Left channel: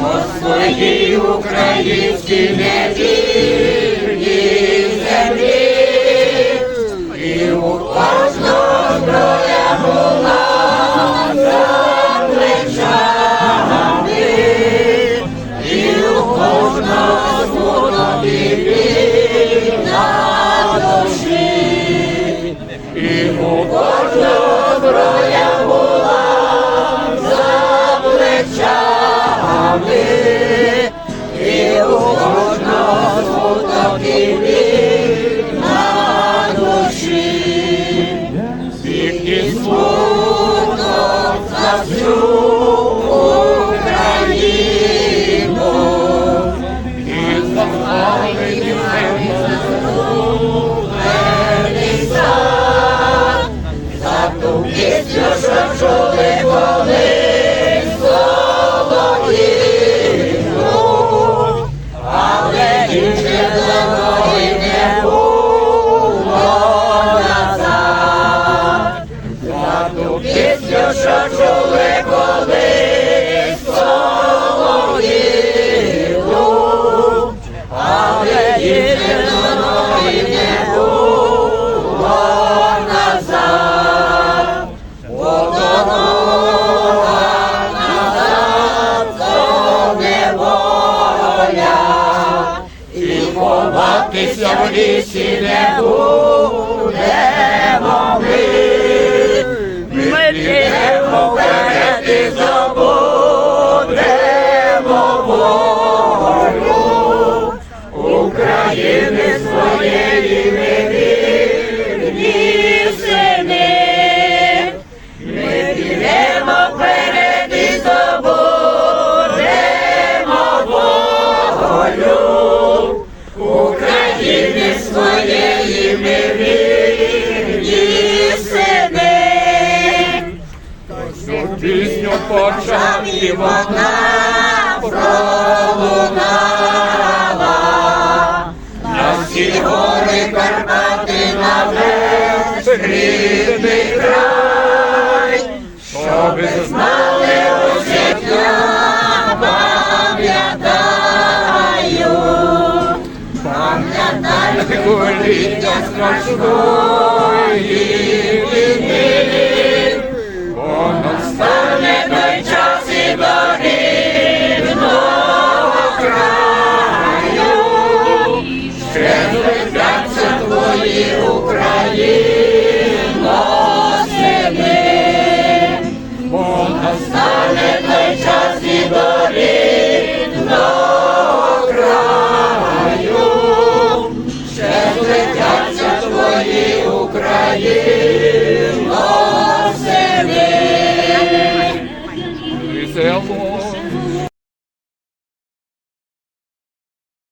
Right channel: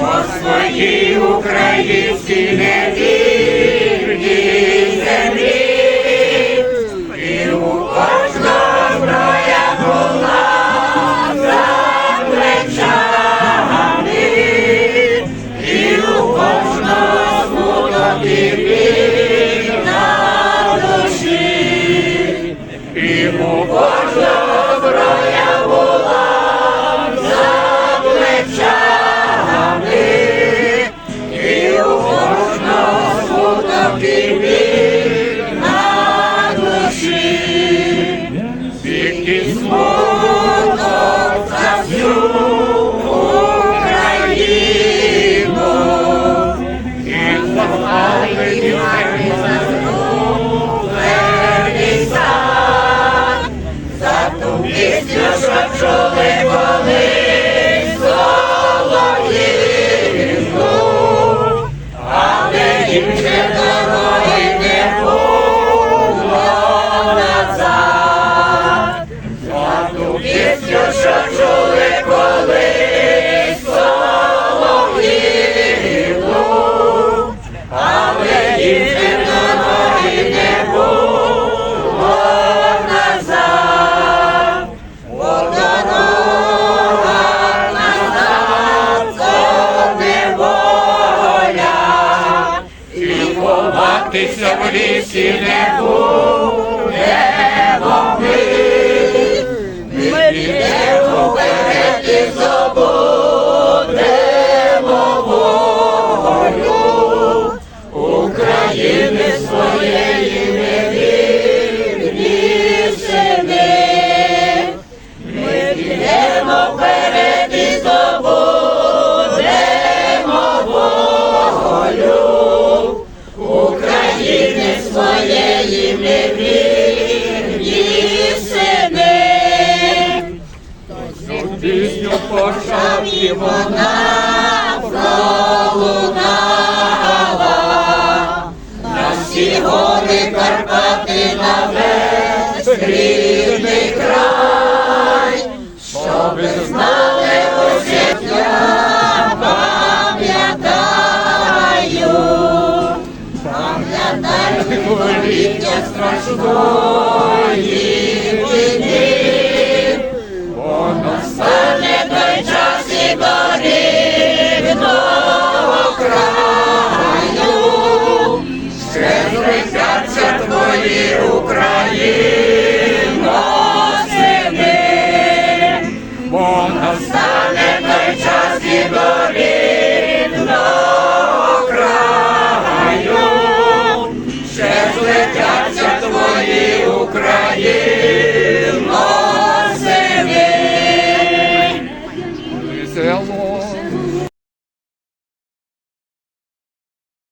по своїй українській невільній землі, і у кожного зброя була за плечами, і у кожного смуток і на душі, і у біль на душі. Тільки смуток за всю Україну і запалені верний сад, за ту пісню, що чули ховатися в лісі не будемо Пісню почав і вона пролунала. На всі гори Карпати на весь рідний край, щоби знали усі я пам'ятаю, пам'ятаю коліття страшної війни. Твої Україні.